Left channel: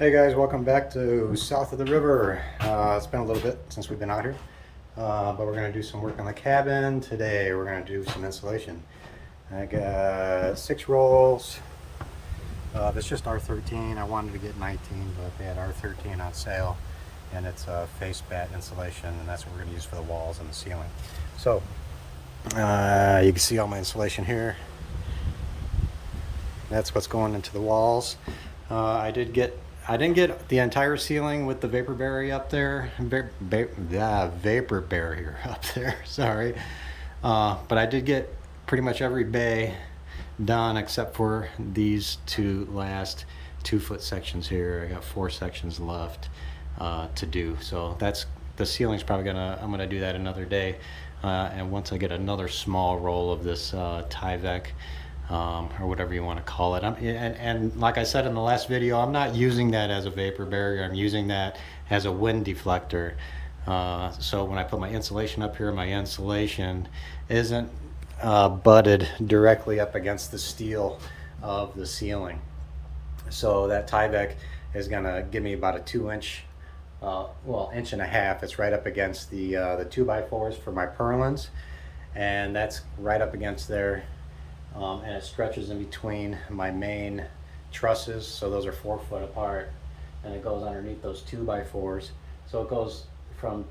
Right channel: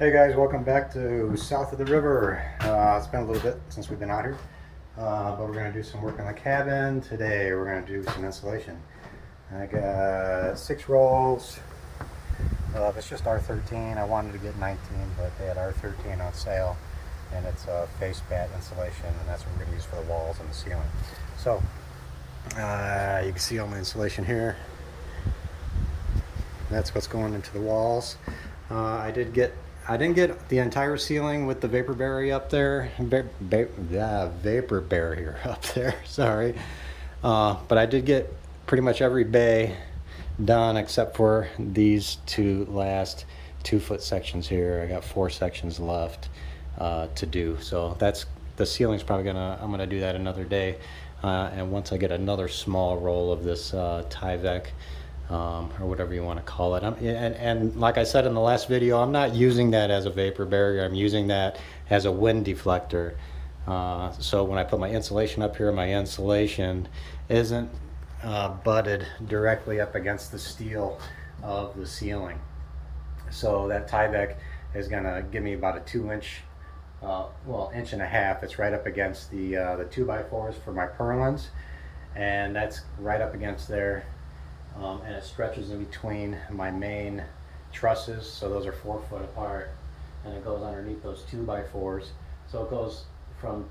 Hey guys, welcome back to south of the river. It's been a little bit since we've been out here, but we're going to do some work on the cabin today. We're going to do some insulation. I got 6 rolls. That's just R13. I wanted to get 19, but they had R13 on sale, and it's a face bat insulation, and that's what we're going to use for the walls and the ceiling. So you can see all my insulation here. That's what's going into the walls. I didn't get the entire ceiling with the vapor barrier up there. Vapor barrier up there. Sorry, but I did get pretty much every bay done except for these two last 2-foot sections here. I got 4 sections left to do. So that's the ceiling's probably I'm gonna do that another day, and once I get another small roll of this Tyvek. Or whatever you want to call it. And like I said in the last video, I'm not using that as a vapor barrier. I'm using that as a wind deflector. So when I put my insulation up here, my insulation isn't butted directly up against the steel of the ceiling. So that Tyvek is going to give me about a 2-inch, well, 1.5 inches. It's right up against the 2x4s for my purlins, and that's right up against there. And it stretches in between my main trusses, so those are 4 foot apart, and it goes underneath those 2x4s. So it goes from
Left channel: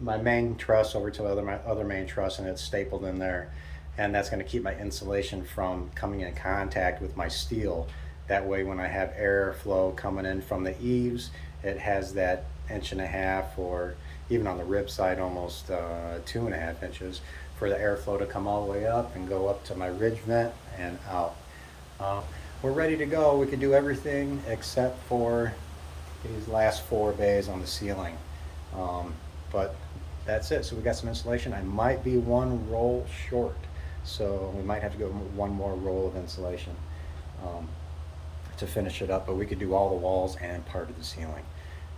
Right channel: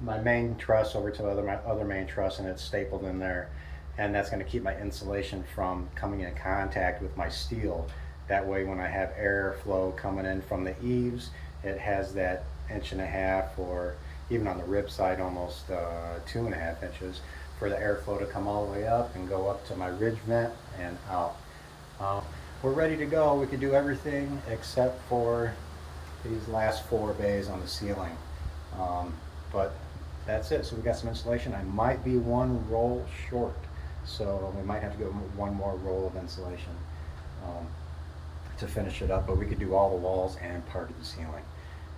my main truss over to my other main truss, and it's stapled in there, and that's going to keep my insulation from coming in contact with my steel. That way when I have airflow coming in from the eaves, it has that 1.5 inches, or even on the rib side almost 2.5 inches, for the airflow to come all the way up and go up to my ridge vent and out. We're ready to go. We could do everything except for these last 4 bays on the ceiling. But that's it. So we got some insulation. I might be 1 roll short, so we might have to go 1 more roll of insulation to finish it up, but we could do all the walls and part of the ceiling.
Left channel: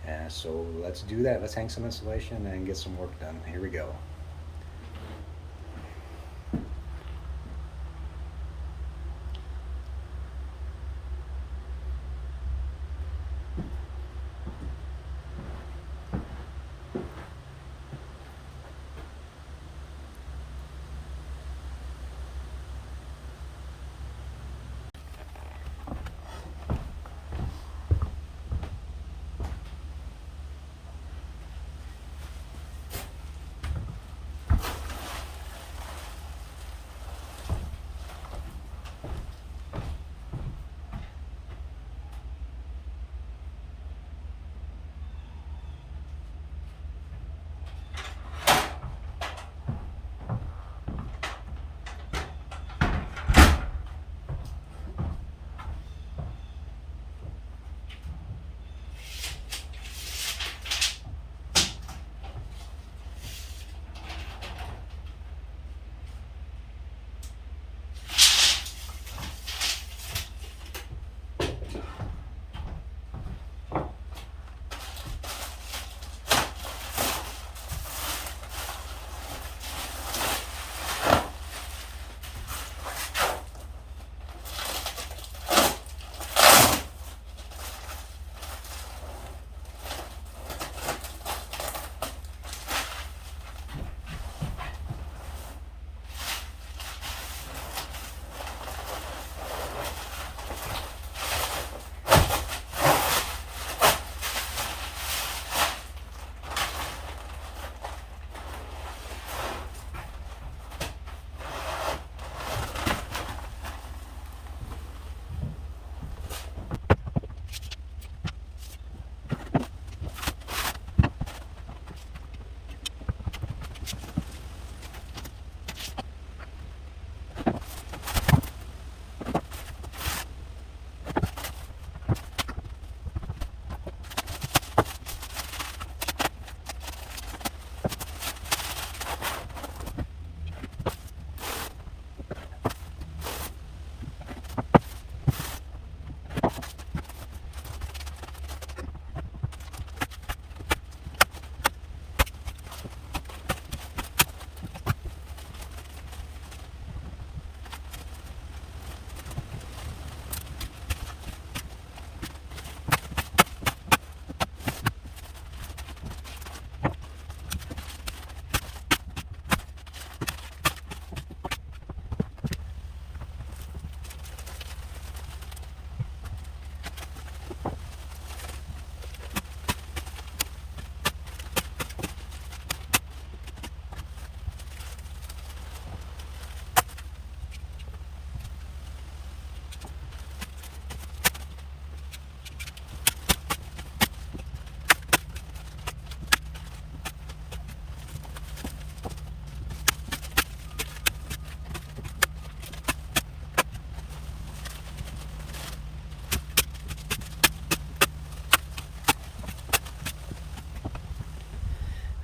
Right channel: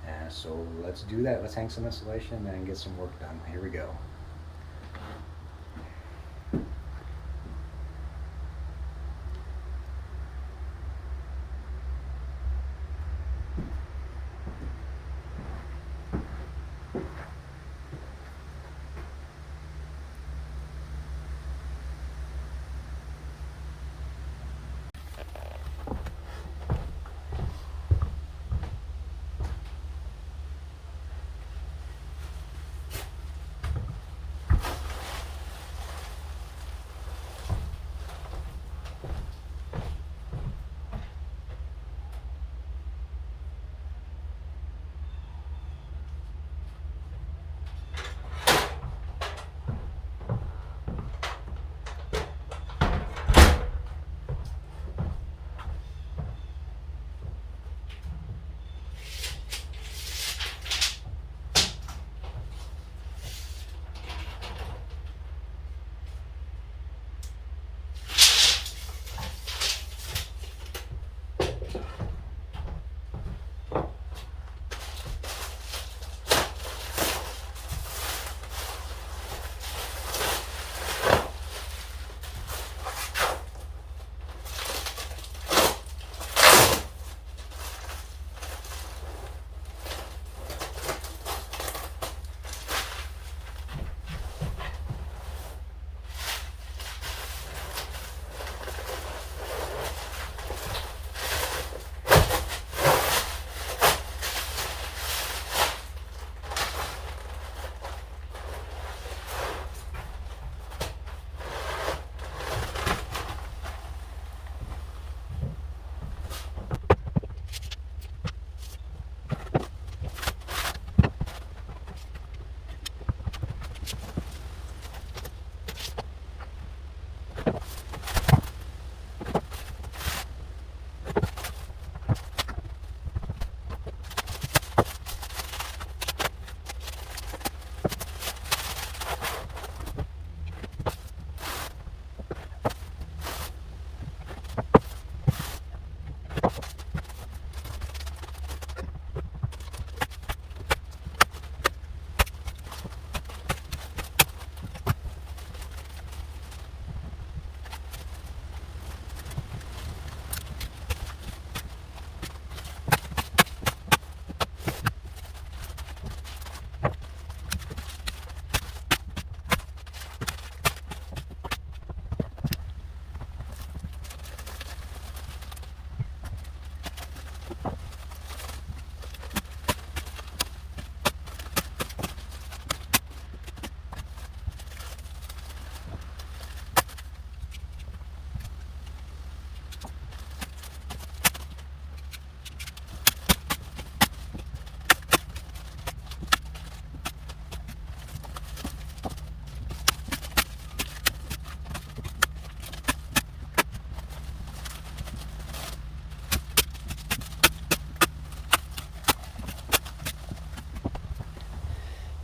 And so let's do that. Let's hang some insulation and get some work done. Here we go.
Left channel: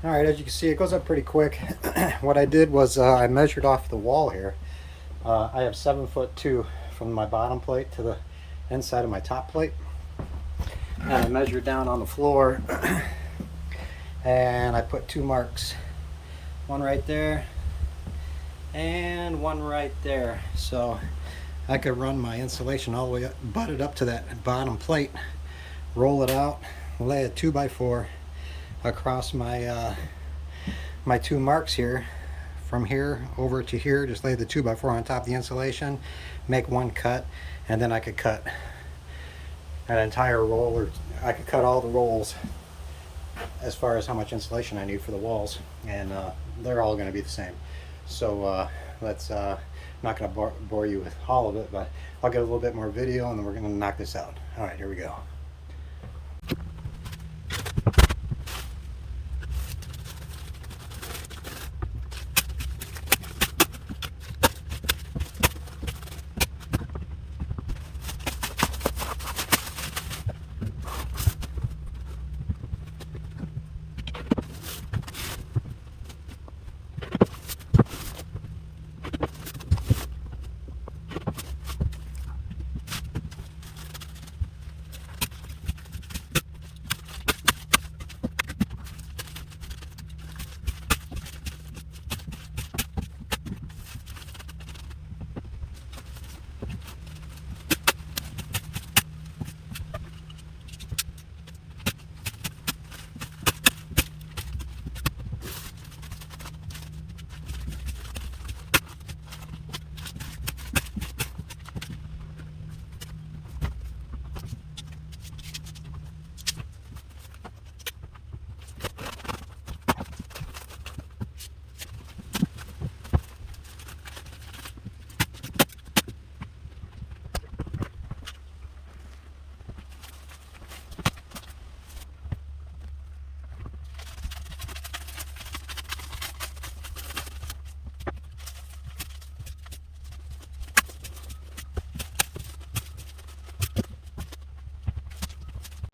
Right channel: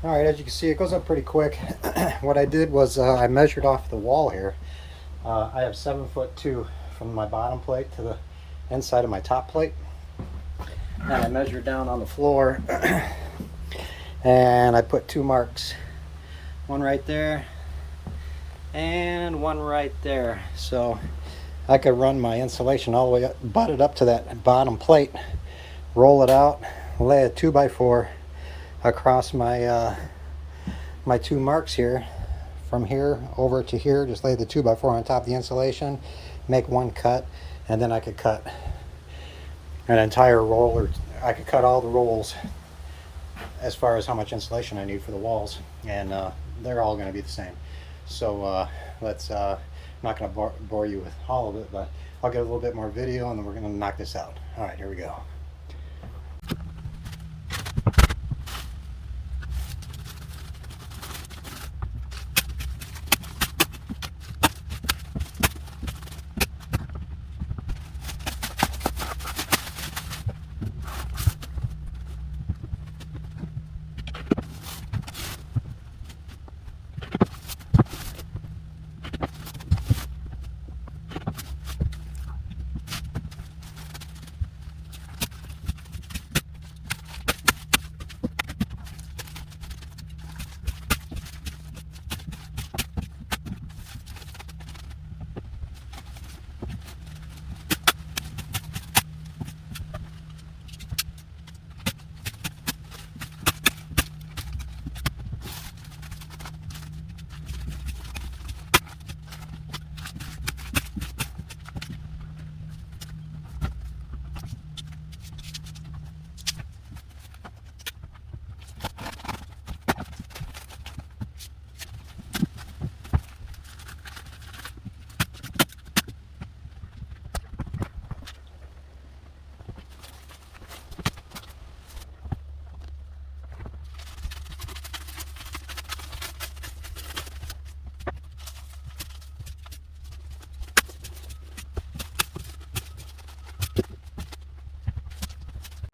All right, as you can see, it goes up pretty quick. What I did was I measured off the wall here. I have 7'2" from my bottom plate to the inside of my top plate. And I measured down on the floor and I put 2 marks. One right there and one right there. So I could run my insulation all the way up, butt it up to that bottom plate, roll it out, lay a 2x4 across my my 2 marks here. From here over to here, just lay the 2x4 on top of the insulation, make 1 cut, and then I could cut an entire roll, or I could cut all the rolls as far as how much insulation I need for the walls, and they're all going to be the same. So let's I'm not going to bore you with all of it, but I'll get a little bit more video and then we're going to knock this out. All right, here we go.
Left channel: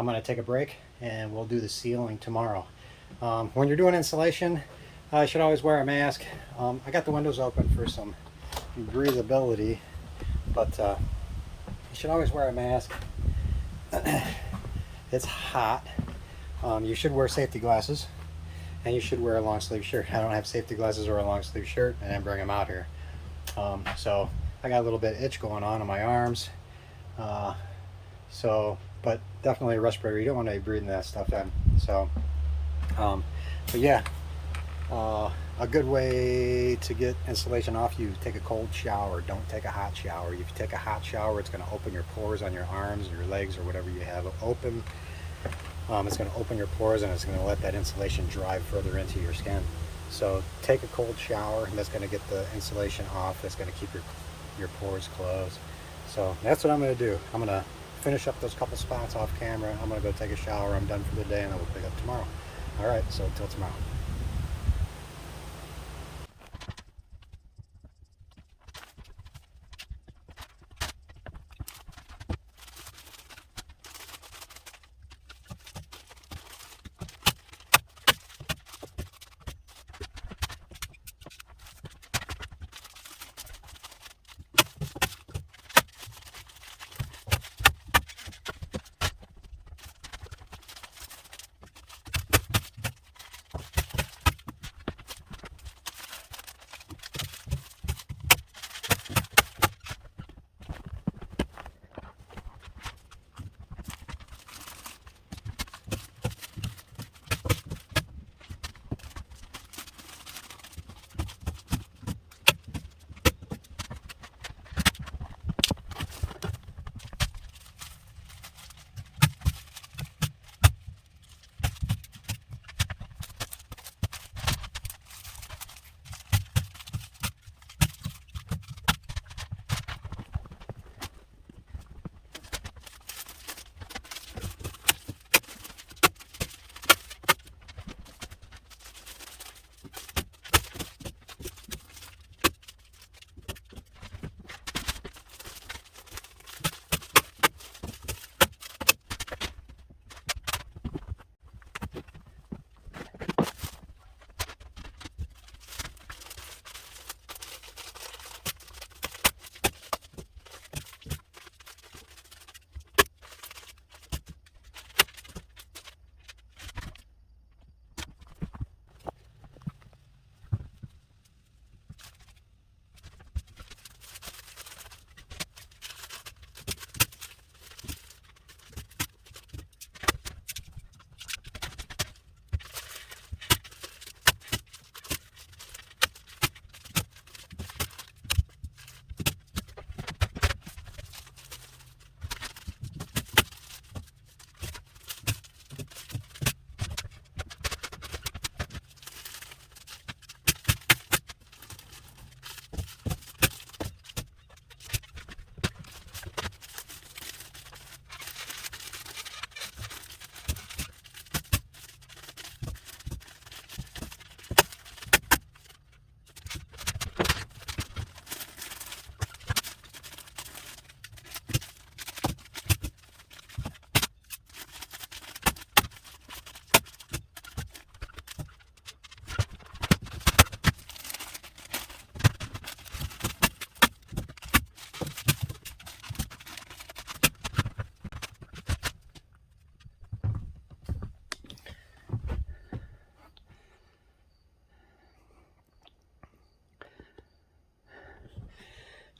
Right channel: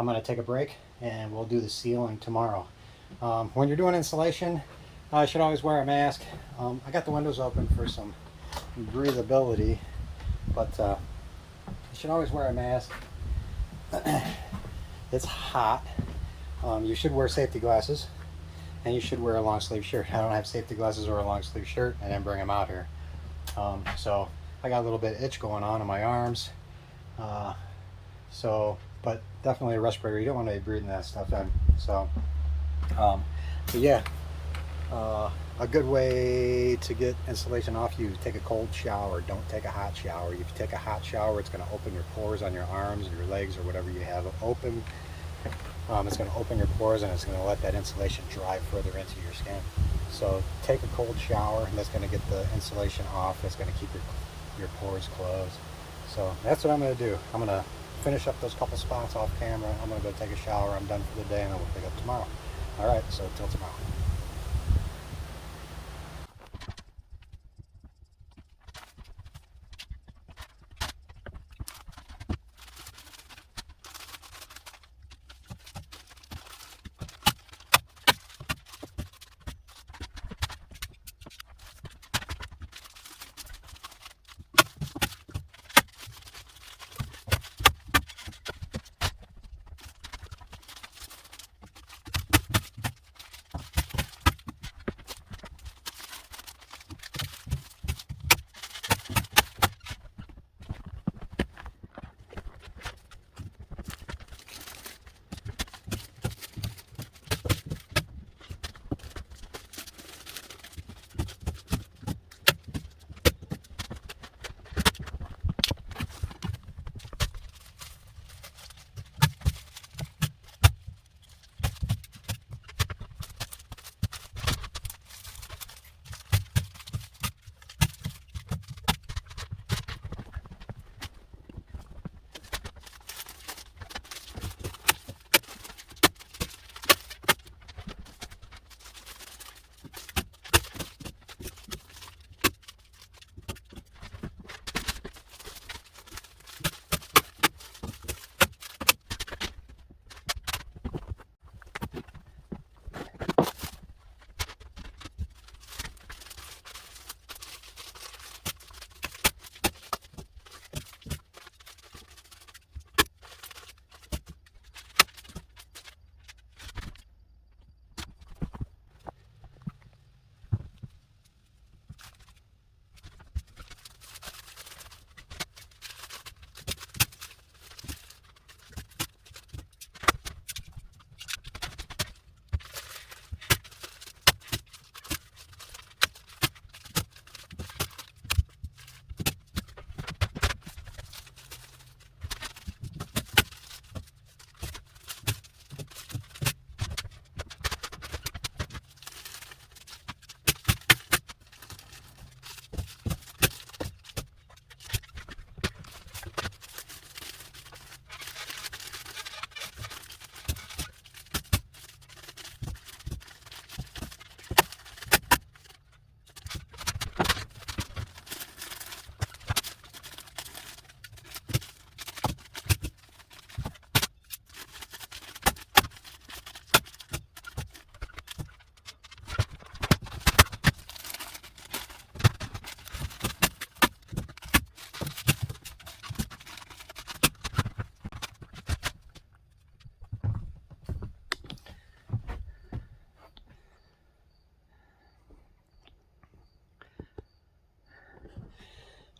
I'm going to take a break and we'll do the ceiling tomorrow. When you're doing insulation, you should always wear a mask. I got the windows open for some breathability, but you should always wear a mask. It's hot. You should wear safety glasses, and you should wear a long sleeve shirt. I don't have safety glasses or a long sleeve shirt. I didn't bring them out here. So I got a little bit of itch going on my arms. But definitely a respirator. You don't want to be breathing that stuff in. So, but yeah, a good way to get insulation off you, take a cold shower. Don't take a hot shower. If you take a hot shower, it's going to open your pores on your arms or your legs or whatever you have open. It's going to open your pores and it's going to let that insulation drive further into your skin. So take a cold shower, and that's going to get the insulation off. That's going to keep your pores closed. So that's what I'm going to do. I'm going to finish up those couple spots off camera. I'm going to go take a shower. I'm done for the day, and then we'll pick up tomorrow. All right, so until tomorrow.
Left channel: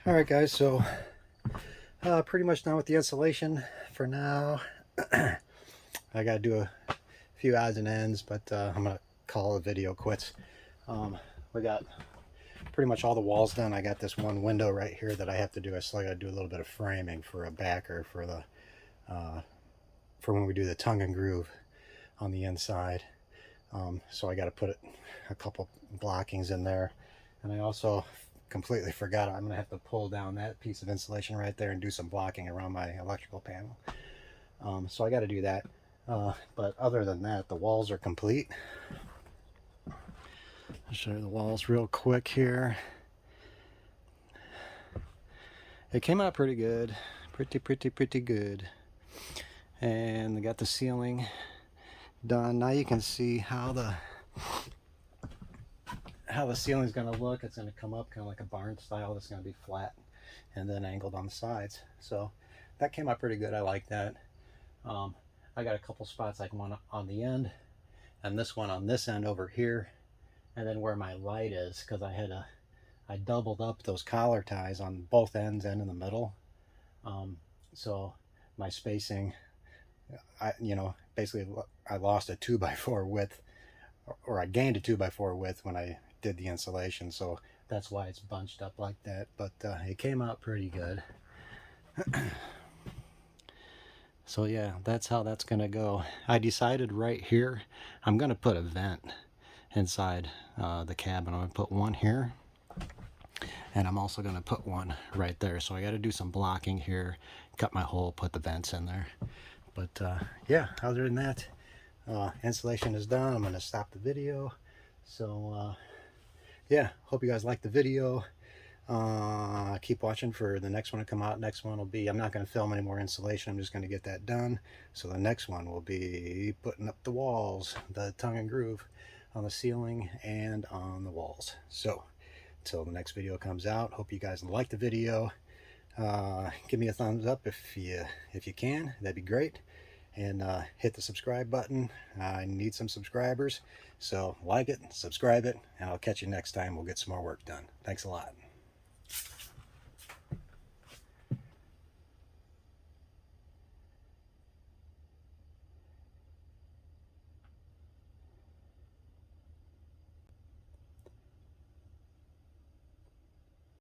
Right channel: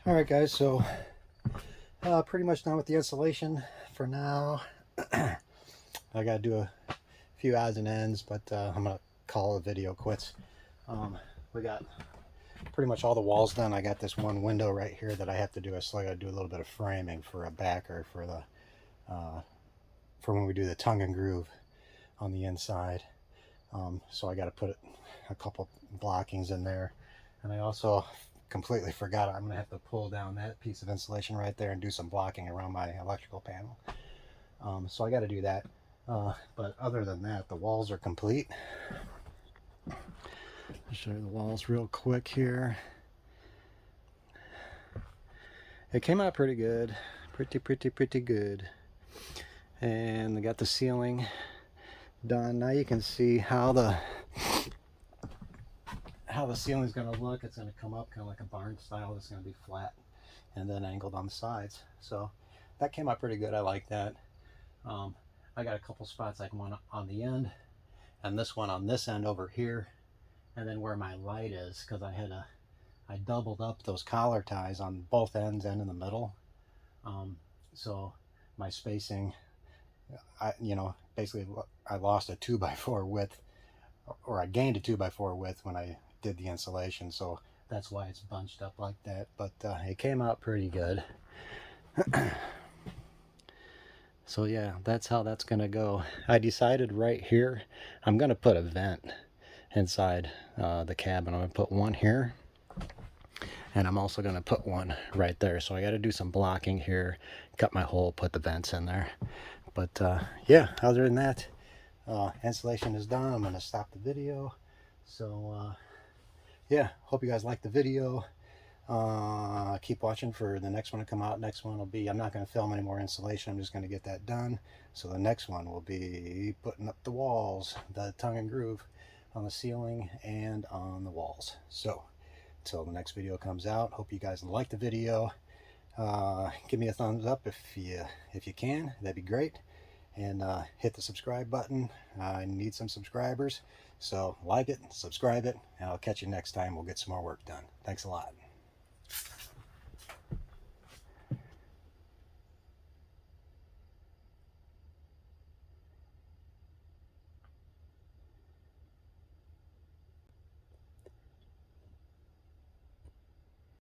All right, guys, so pretty much done with the installation for now. I got to do a few odds and ends, but I'm going to call the video quits. We got pretty much all the walls done. I got this one window right here that I have to do. I still got to do a little bit of framing for a backer for the for when we do the tongue and groove on the inside. So I got to put a couple blockings in there, and I also completely forgot I'm gonna have to pull down that piece of insulation right there and do some blocking around my electrical panel. So I got to do that. But other than that, the walls are complete. I'll show you the walls real quick here. It came out pretty good, pretty good. And I got the ceiling done. Now you can see how the ceiling is going to look. It's going to come up kind of like a barn style. It's going to be flat and then angled on the sides. So that came out pretty good. I like that. I got a couple spots, like one on the end and this one on this end over here, and then where my light is, because I doubled up those collar ties on both ends and in the middle. So my spacing, basically I lost a 2x4 width, or I gained a 2x4 width when I did the insulation, so that's why it's bunched up like that. But it came out pretty good. So yeah, that's how that's gonna go. I decided right here I'm gonna put a vent inside the cabin. I'm gonna put one here, and I'm also gonna put one right there. So I got to do some blocking here, cut my hole, put the vents in there. But yeah, other than that, installation is done. I'm gonna stop the video. So yeah, hope you guys like the video. Keep watching for the next one to come out. Next one will be, I'm not going to film any more installation. I'm just going to get that done. So the next one will be putting up the walls, the tongue and groove on the ceiling and on the walls. So until the next video comes out, hope you guys like the video. Give me a thumbs up if you can. That'd be great. And hit the subscribe button. I need some subscribers. So like it, subscribe it, and I'll catch you next time. We'll get some more work done. Thanks a lot.